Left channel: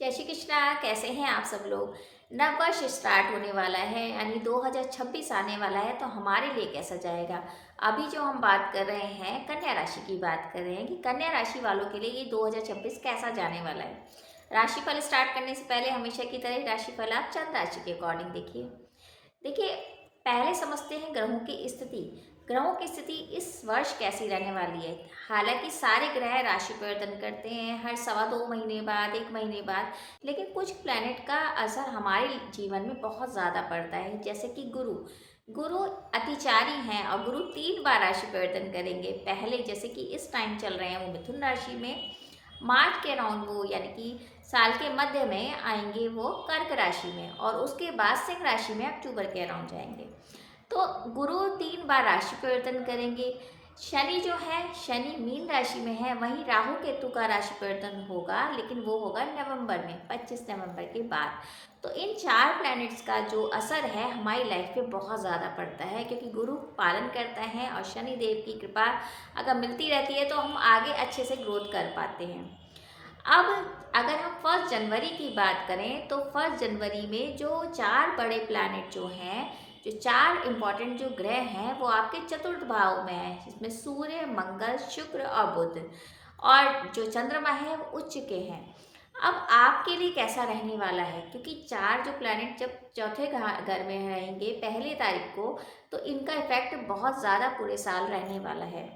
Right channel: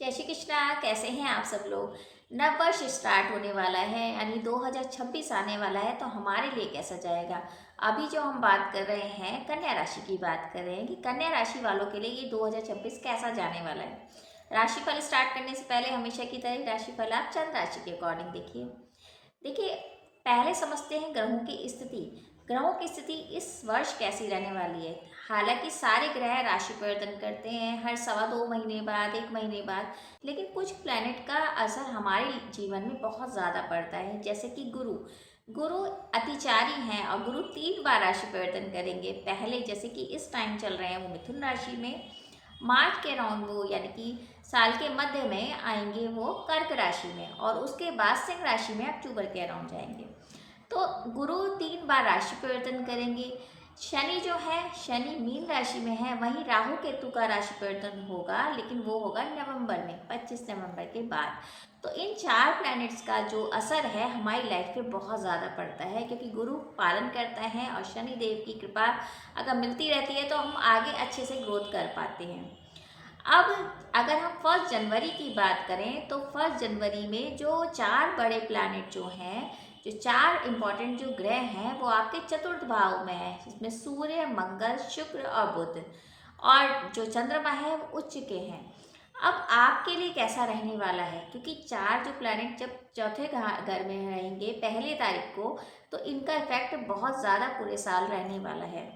जय श्री कृष्णा। कैसे हैं आप सब लोग। नव वर्ष स्टार्ट होने वाला है, यानी 2026 आने वाला है, तो हमारे लिए कैसा जाएगा। अभी जो हम बात कर रहे हैं कन्या राशि की बात कर रहे हैं कि कन्या राशि वालों के लिए ये 2026 कैसा जाने वाला है। राशिफल स्टार्ट करने से पहले हमेशा की तरह राशिफल आप चंद्र राशि के अकॉर्डिंग देखिए। देखिए, पहले समझते हैं ग्रहों की स्थिति। ग्रहों की स्थिति इस वर्ष कैसी रहने वाली है। हालांकि सारे ग्रह राशि परिवर्तन करते हैं हर 2.25 महीने बाद, 1 महीने बाद, लेकिन कुछ प्लैनेट का असर हमारे जीवन में बहुत ज़्यादा पड़ता है। जैसे कि गुरु गुरु अतिचारी हैं और गुरु 3 बार राशि परिवर्तन करेंगे। पहले जैसे कि इस टाइम चल रहे हैं वो मिथुन राशि में, मार्च के अराउंड वो यानी कि साल के मध्य में आएंगे वो कर्क राशि में, और उसके बाद सिंह राशि में अक्टूबर के अराउंड जाएंगे। तो गुरु 3 बार राशि परिवर्तन करेंगे। शनि जो है, शनि मीन राशि में है, वहीं राहु केतु का राशि परिवर्तन होगा, लेकिन वो होगा नवंबर में, 25 नवंबर के बाद। तो इन 4 प्लैनेट्स का जो असर है हमारी लाइफ पे बहुत ज़्यादा पड़ता है, क्योंकि गुरु पालन करता है और शनि देव की कृपा अगर मिलती रहती है तो हम आगे अच्छे से ग्रोथ कर पाते हैं। अब अगर हम 1 जनवरी की बात करें तो 1 जनवरी में जो 4 बड़े प्लैनेट जो हैं, जो 4 इम्पॉर्टेंट जो ग्रह हैं, वो आपके चतुर्थ भाव में है, जिसमें सूर्य, मंगल, शुक्र और बुध, और जो चंद्रमा है वो उच्च के हैं। अब आपके लिए कैसा रहने वाला है, क्योंकि 4 जो प्लैनेट जब चौथे घर में रहेंगे 1 तारीख को, तो इनका इफेक्ट बहुत ज़्यादा पूरे साल रहने वाला है।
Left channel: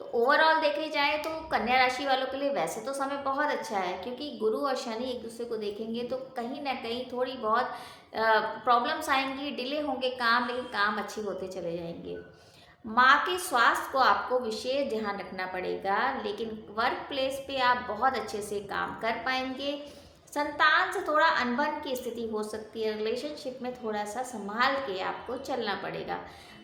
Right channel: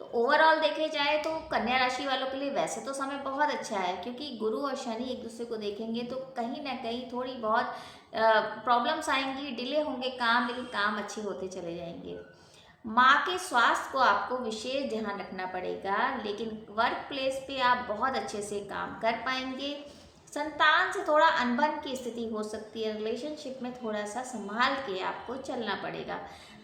तो ओवरऑल देखे जाए तो कन्या राशि वालों के लिए वैसे तो समय बहुत अच्छा है, क्योंकि गुरु और शनि एक दूसरे को देखेंगे तो कहीं ना कहीं थोड़ी बहुत प्रॉब्लम्स आएंगी, डिले होंगे काम, लेकिन काम अच्छे होते चले जाएंगे। माँ के स्वास्थ्य को आपको विशेष ध्यान रखना पड़ेगा, लेकिन वर्क प्लेस पे आप बहुत अच्छे से काम कर पाएंगे। संतान से थोड़ा अनबन की स्थिति हो सकती है, रिलेशनशिप में थोड़ा सा संभाल के आपको चलना पड़ेगा।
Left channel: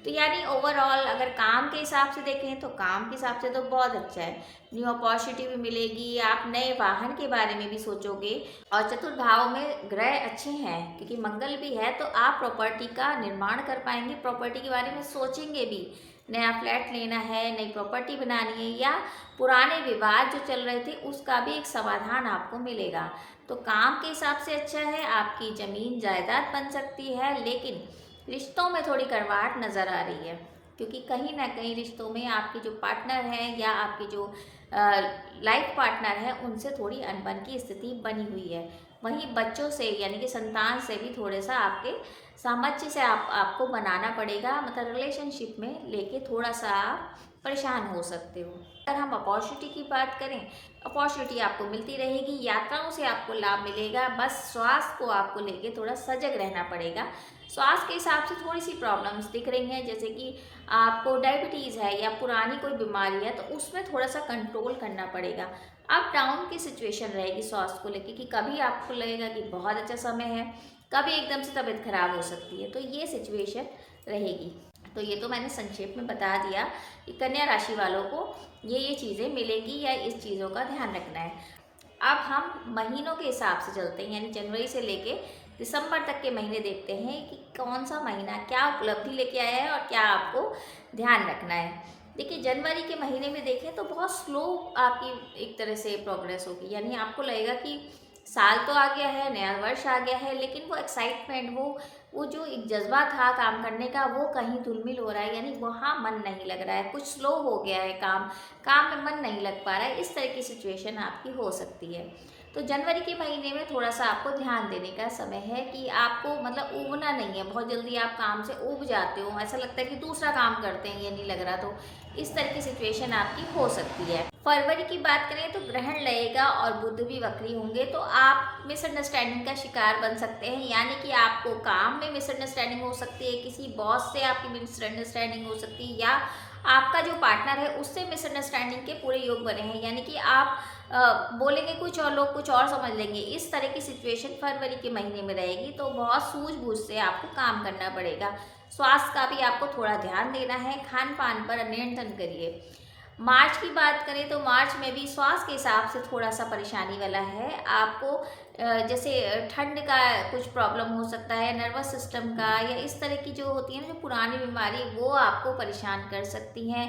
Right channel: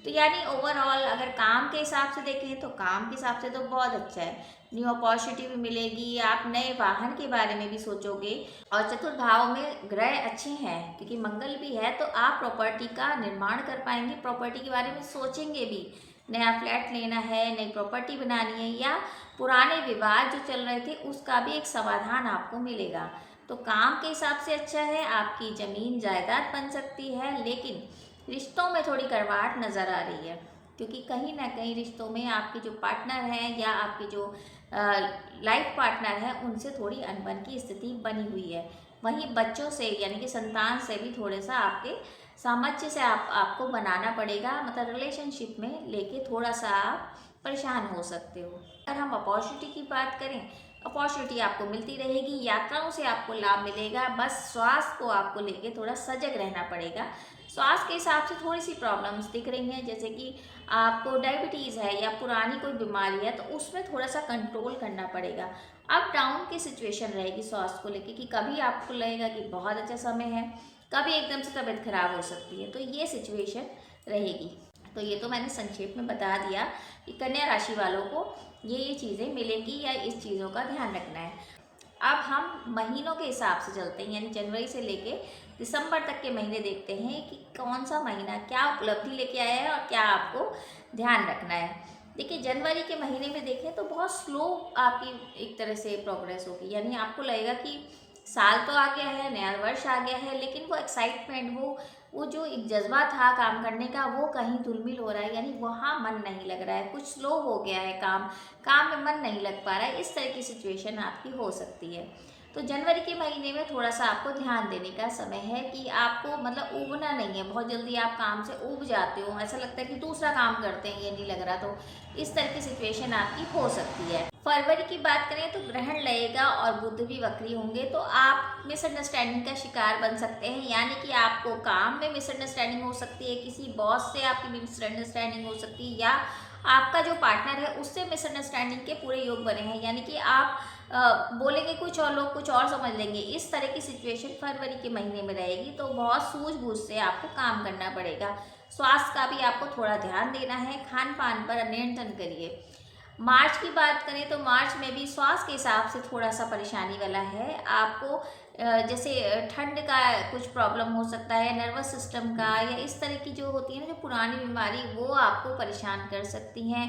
तो यानी ओवरऑल अगर काम के हिसाब से देखें तो काम के हिसाब से तो बहुत अच्छा है। न्यू अपॉर्चुनिटी भी मिलेगी, आप नए वाहन के बारे में भी सोचोगे, और चतुर्थ भाव में ग्रह अच्छे हैं क्योंकि मंगल भी है, तो आप प्रॉपर्टी का निर्माण कर पाएंगे, प्रॉपर्टी के बारे में सोचेंगे भी। नया फ्लैट लेना है, नई प्रॉपर्टी बनानी है, या पुराने विवाद जो चल रहे थे उसका भी एक समाधान आपको मिलेगा। तो काम के हिसाब से अच्छा है, आपकी ज़मीन जायदाद बन सकती है, लेकिन रिश्तों में थोड़ी कड़वाहट नज़र आ रही है, क्योंकि कहीं ना कहीं रिश्तों में आपके जो पार्टनर हैं या आपके जो लाइफ पार्टनर हैं उनसे थोड़ी अनबन की स्थिति बनी हुई है। वहीं बच्चों से यानी कि संतान से भी थोड़े सा आपके सामंजस्य से आपको बनाना पड़ेगा, मतलब रिलेशनशिप में लेके थोड़ा सा आप परेशान हो सकते हो। अगर हम अपॉर्चुनिटी की बात करें, अपॉर्चुनिटी आपको मिलती रहेगी, यात्राओं से आपको लाभ मिलेगा, बस स्वास्थ्य को आपको लेके थोड़ा सजग रहना पड़ेगा। स्वास्थ्य के हिसाब से थोड़ी सी प्रॉब्लम्स दिख रही हैं, जैसे कि आपको डायबिटीज़ है या पुरानी कोई बीमारी है, तो उसमें थोड़ा सा कंट्रोल करना पड़ेगा। अप डाउन की सिचुएशन रहेगी स्वास्थ्य को लेके, कि कभी आपको लगेगा कि बहुत अच्छा समय है, कभी एकदम से तबीयत खराब हो सकती है, तो ये सिचुएशन रहेगी। तो ये तो मैंने संक्षेप में बता दिया कि कन्या राशि वालों को ये चीज़ें मिलेंगी या इस चीज़ों का ध्यान रखना है। अब हम महीनों के हिसाब से चलते हैं, यानी जनवरी से लेके दिसंबर तक के महीने देखते हैं कि कौन सा महीना क्या उपलब्धि लेके आया है और क्या आपको ध्यान रखना है। देखिए, जनवरी के महीने में देखें तो बहुत स्लो आपकी एक तरह से प्रोग्रेस होगी, यानी आपको लगेगा कि साल तो आ गया है, नया वर्ष आ गया है, लेकिन वो एक्साइटमेंट, वो जो एक जज्बा था काम करने का, वो कहीं धुलमिल हो रहा है, यानी वहाँ मन नहीं लग रहा है, कुछ स्लो हो गया है काम, काम में मन नहीं लग पा रहा है, इस तरह की सिचुएशन आपकी हो सकती है। तो जनवरी के महीने में थोड़ा सा आपको ध्यान देने का समय है, कि आपको मतलब ऊबना नहीं है, बहुत जल्दी आप काम से ऊब जाते हो, ऐसा लगता है कि दूसरा काम करते हैं ये नहीं लग रहा, तो इस तरह की सिचुएशन आपकी हो सकती है। फरवरी की बात करें तो ग्रहण लगेगा और बुध भी वक्री होंगे, तो आप मिसअंडरस्टैंडिंग का शिकार बन सकते हैं, यानी कि आपको काम में मिसअंडरस्टैंडिंग हो सकती है, किसी बॉस से आपकी मिसअंडरस्टैंडिंग हो सकती है, या आपका जो पार्टनर है उससे मिसअंडरस्टैंडिंग के पूरे योग बने हैं, यानी कि आप बोलेंगे कुछ और लोग कुछ और समझ लेंगे, इस तरह की सिचुएशन फरवरी के महीने में रहेगी। तो बहुत सूझबूझ से आपको काम करना पड़ेगा। स्वास्थ्य का भी आपको थोड़ा ध्यान देना है, खान पान पर नियंत्रण करिए। मार्च की बात करें तो मार्च में भी स्वास्थ्य के हिसाब से थोड़ा सा परेशानी वाला है आपको। जैसे ठंड का कुछ प्रॉब्लम हो सकता है, नर्वस सिस्टम का, या इस तरह की जो होती है ना जो पुरानी बीमारी, वो आपको परेशान कर सकती हैं।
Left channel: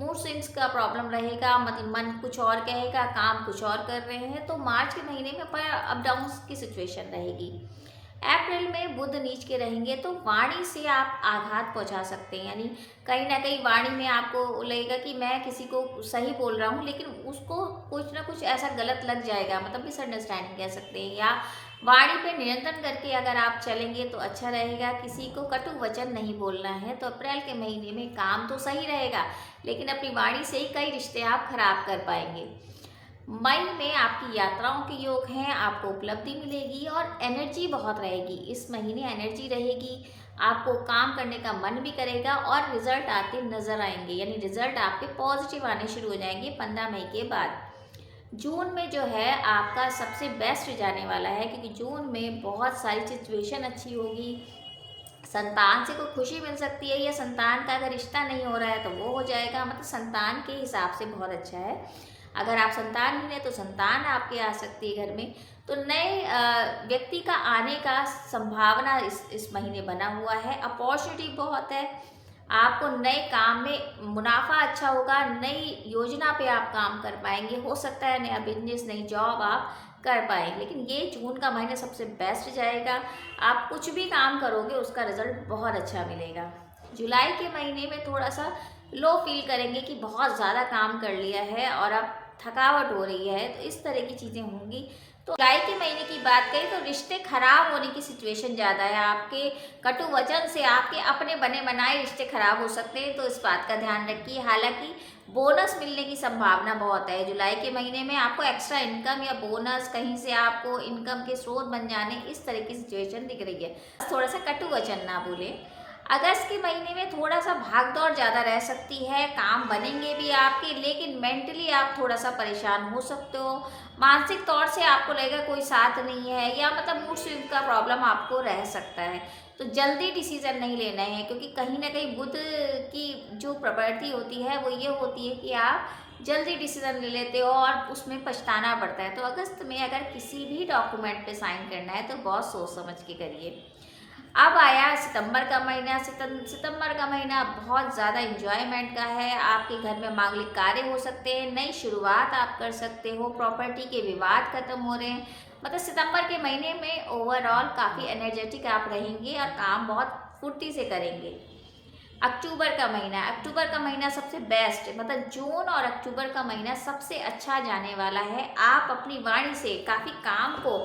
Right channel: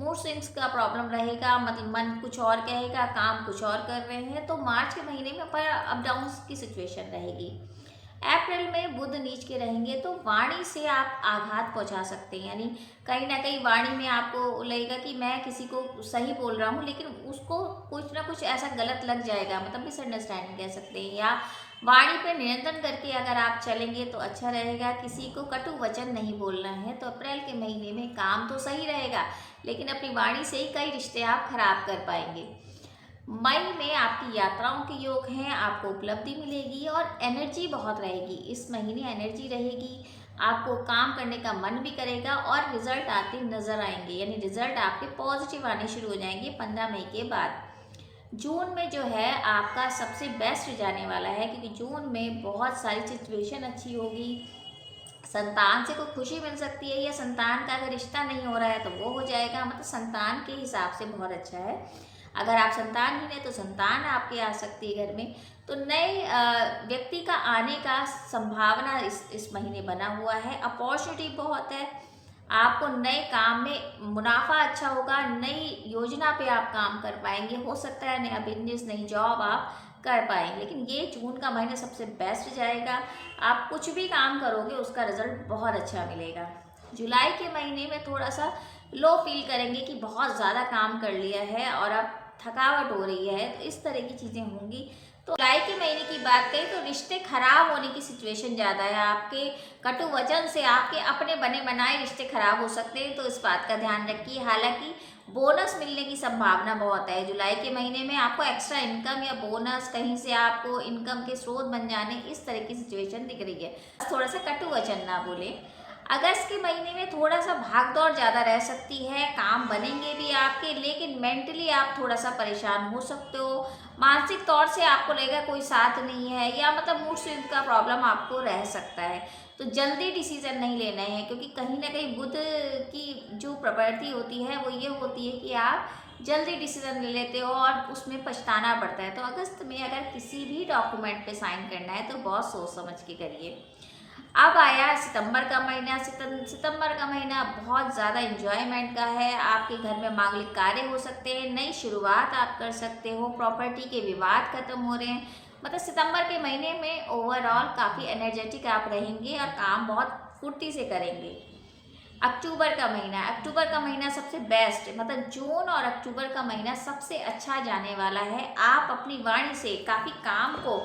मूड स्विंग्स का प्रॉब्लम रहेगा, मतलब मन कुछ और कहेगा, काम कुछ और कर रहे हैं। तो मार्च के महीने में पर अप डाउन की सिचुएशन रहेगी। अप्रैल में बुध नीच के रहेंगे तो वाणी से आप आघात पहुंचा सकते हैं, यानी कहीं ना कहीं वाणी में आपको लगेगा कि मैं किसी को सही बोल रहा हूँ लेकिन उसको कुछ ना कुछ ऐसा गलत लग जाएगा, मतलब मिसअंडरस्टैंडिंग कह सकते हैं। या वाणी पे नियंत्रण करके अगर आप चलेंगे तो अच्छा रहेगा। किसी को कटु वचन नहीं बोलना है। तो अप्रैल के महीने में काम तो सही रहेगा लेकिन अपनी वाणी से ही कई रिश्ते आप खराब कर पाएंगे। मई में आपकी यात्राओं के योग हैं, आपको उपलब्धि मिलेगी और एनर्जी बहुत रहेगी। इस महीने एनर्जी रहेगी, आपको काम करने का मन भी करेगा और रिजल्ट आते नजर आएंगे, यानी रिजल्ट आपके पॉजिटिव आने शुरू हो जाएंगे 15 मई के बाद। जून में जो है आपका सबसे बेस्ट जाने वाला है, क्योंकि जून में बहुत सारी सिचुएशन अच्छी होगी। संतान से कोई खुशी मिल सकती है, या संतान का अगर रिश्ता नहीं हो रहा है तो वो हो जाएगा, मतलब संतान के हिसाब से बहुत अच्छा है। अगर आप संतानहीन है तो संतान आपके आ सकती है घर में। तो नए व्यक्ति का आने का संभावना इस महीने बना हुआ है। अपॉर्चुनिटी बहुत है, आपको नए काम में मुनाफा अच्छा होगा, नई योजना पे आप काम कर पाएंगे। हो सकता है नया बिजनेस, नई जॉब आप कर पाएंगे। लेकिन ये जून का महीना सबसे बेस्ट जाएगा, आप कुछ भी काम करोगे उसका रिजल्ट बहुत अच्छा मिलेगा। जुलाई के महीने में थोड़ा सा लो फील करेंगे कि बहुत ज़्यादा काम कर लिया है और अब थकावट हो रही है, तो इस तरह की चीज़ें होंगी। तो जुलाई के महीने की बात करें तो रिश्ते खराब होने की सिचुएशन ज़्यादा है। आपके कटु वचन से आपके अपने बने बनाए रिश्ते खराब हो सकते हैं, तो इस बात का ध्यान रखिए। हालांकि बोनस मिलने की संभावना बहुत है जुलाई के महीने में, आपको एक्स्ट्रा इनकम या बोनस कहीं से आपको इनकम के स्रोत बन जाने, इस तरह की सिचुएशन दिख रही है। थोड़ा सा कटु वचन ना बोले। अगस्त के महीने में थोड़ा सा भाग दौड़ ज़्यादा रह सकती है, काम बनेंगे भी आपके लेकिन मेंटली आप थोड़ा सा परेशान हो सकते हो। मानसिक तौर से आपको लगेगा कोई साथ नहीं है, या मतलब मूड स्विंग का प्रॉब्लम आपको रह सकता है। तो जल्दी डिसीजन नहीं लेना है, क्योंकि कहीं ना कहीं बुध की जो प्रवृत्ति होती है वो ये होती है कि आप जल्दी डिसीजन ले लेते हो और उसमें पछताना पड़ता है। तो अगस्त में अगर किसी भी डॉक्यूमेंट पे साइन करना है तो बहुत सोच समझ के करिए। अब आया सितंबर का महीना। सितंबर का महीना बहुत ज़्यादा इंजॉयमेंट का है। आपके घर में मांगलिक कार्य हो सकते हैं, नई शुरुआत आप कर सकते हो, प्रॉपर्टी के विवाद खत्म हो रहे हैं। मतलब सितंबर के महीने में ओवरऑल काफ़ी एनर्जेटिक आप रहेंगे और काम बहुत फुर्ती से करेंगे। अक्टूबर का महीना सबसे बेस्ट, मतलब जून और अक्टूबर का महीना सबसे अच्छा जाने वाला है। आप अपनी वाणी से काफ़ी काम को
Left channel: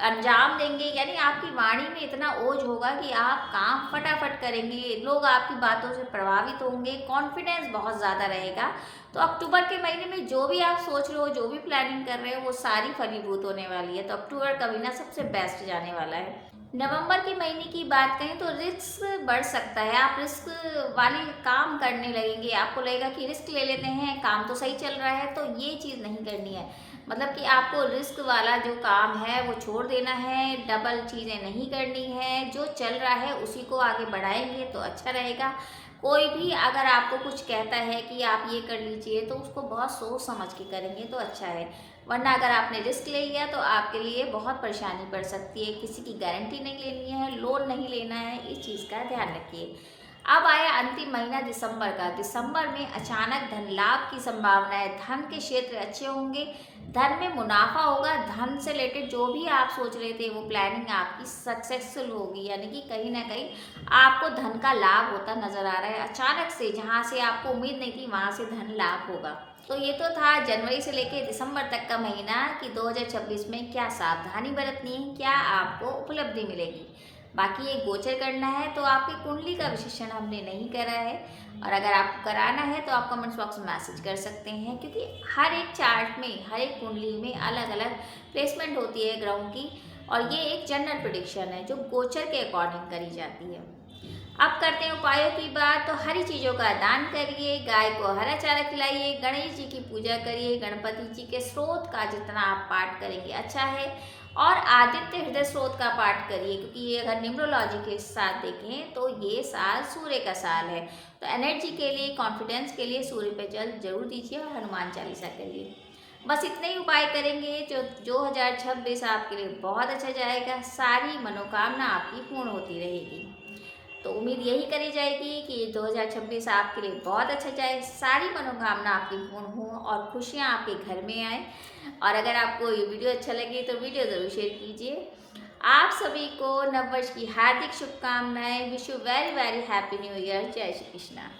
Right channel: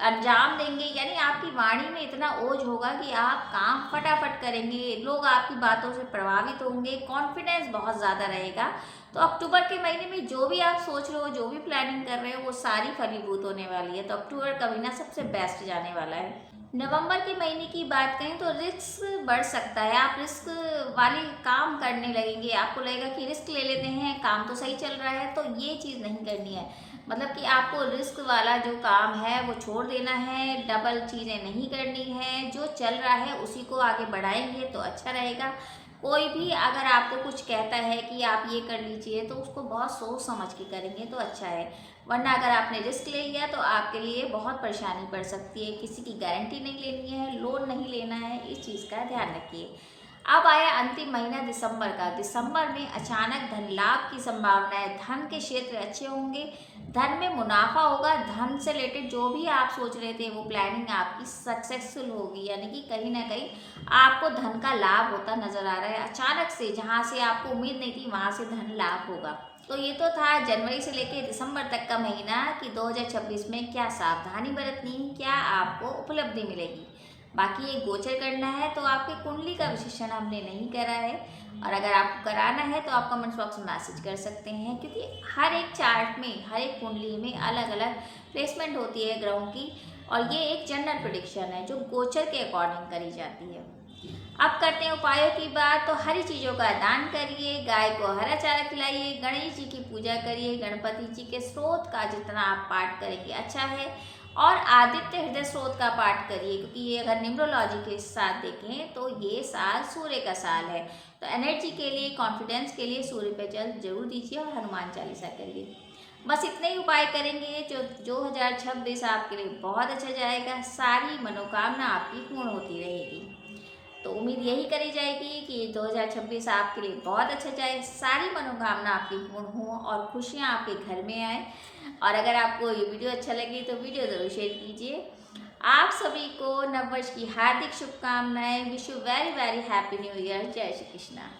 अंजाम देंगे, यानी आपकी वाणी में इतना ओज होगा कि आप काम फटाफट करेंगे, लोग आपकी बातों से प्रभावित होंगे, कॉन्फिडेंस बहुत ज़्यादा रहेगा। तो अक्टूबर के महीने में जो भी आप सोच रहे हो, जो भी प्लानिंग कर रहे हो, वो सारी फलीभूत होने वाली है। तो अक्टूबर का महीना सबसे बेस्ट जाने वाला है। नवंबर के महीने की बात करें तो रिस्क बढ़ सकता है, आप रिस्क वाली काम करने लगेंगे, आपको लगेगा कि रिस्क ले लेते हैं, काम तो सही चल रहा है। तो ये चीज़ नहीं करनी है, मतलब कि आपको रिस्क वाला जो काम है वो छोड़ देना है, डबल चीज़ें नहीं करनी है, जो चल रहा है उसी को आगे बढ़ाएंगे तो अच्छा रहेगा। कोई भी अगर आपको कुछ कहता है कि आप ये कर लीजिए तो उसको बहुत सोच समझ के करेंगे तो अच्छा है, वरना अगर आपने रिस्क ले लिया तो आपके लिए बहुत परेशानी पड़ सकती है। किसी की गारंटी नहीं लेनी है, लोन नहीं लेना है, इस चीज़ का ध्यान रखिए। अब आया अंतिम महीना दिसंबर का। दिसंबर में अचानक धन लाभ की संभावना है, धन के क्षेत्र अच्छे होंगे, धन में मुनाफा होगा, धन से रिलेटेड जो भी आप सोच रहे थे वो प्लानिंग आपकी सक्सेसफुल होगी, यानी कि कहीं ना कहीं आपको धन का लाभ होता नजर आ रहा है। अचानक से जहाँ से आपको उम्मीद नहीं थी वहाँ से धन लाभ होगा। तो ये तो था जनवरी से लेकर दिसंबर तक का महीना कि 2026 में क्या सावधानी बरतनी है, क्या आपको उपलब्धि मिलेगी। बाकी ये गोचर करना है तो आपकी कुंडली का विश्लेषण हमने नहीं करा है, और अगर आपको कराना है तो आप कमेंट्स बॉक्स में मैसेज कर सकते हैं, क्योंकि हर एक चार्ट में, हर एक कुंडली में अलग अलग प्लेसमेंट होती है ग्रहों की, और ये एक जनरल प्रिडिक्शन है जो गोचर के अकॉर्डिंग करी जाती है। अब करते हैं उपायों की बात। तो हरी चीज़ों का दान करिए, गाय को हरा चारा खिलाइए, गणेश जी की पूजा करिए, गणपति जी के स्रोत का जितना आप पाठ करेंगे अच्छा है, और आदित्य हृदय स्रोत का पाठ करिए, क्योंकि ये अगर न्यूमरोलॉजी के साथ देखें तो ये साल सूर्य का साल है। तो एनर्जी के लिए, कॉन्फिडेंस के लिए सूर्य पे जल जरूर दीजिए और हनुमान चालीसा करिए। बस इतने ही उपाय करेंगे जो 2026 आपके लिए बहुत अच्छा जाएगा, सारी मनोकामना आपकी पूर्ण होती रहेगी। तो उम्मीद यही करी जाएगी कि 2026 आपके लिए बहुत अच्छा जाए, सारी मनोकामना आपकी पूर्ण हो और खुशियाँ आपके घर में आए। और अगर आपको ये वीडियो अच्छा लगे तो वीडियो ज़रूर शेयर कीजिए। आप सभी को नववर्ष की हार्दिक शुभकामनाएं। Wish you very very happy new year. जय श्री कृष्णा।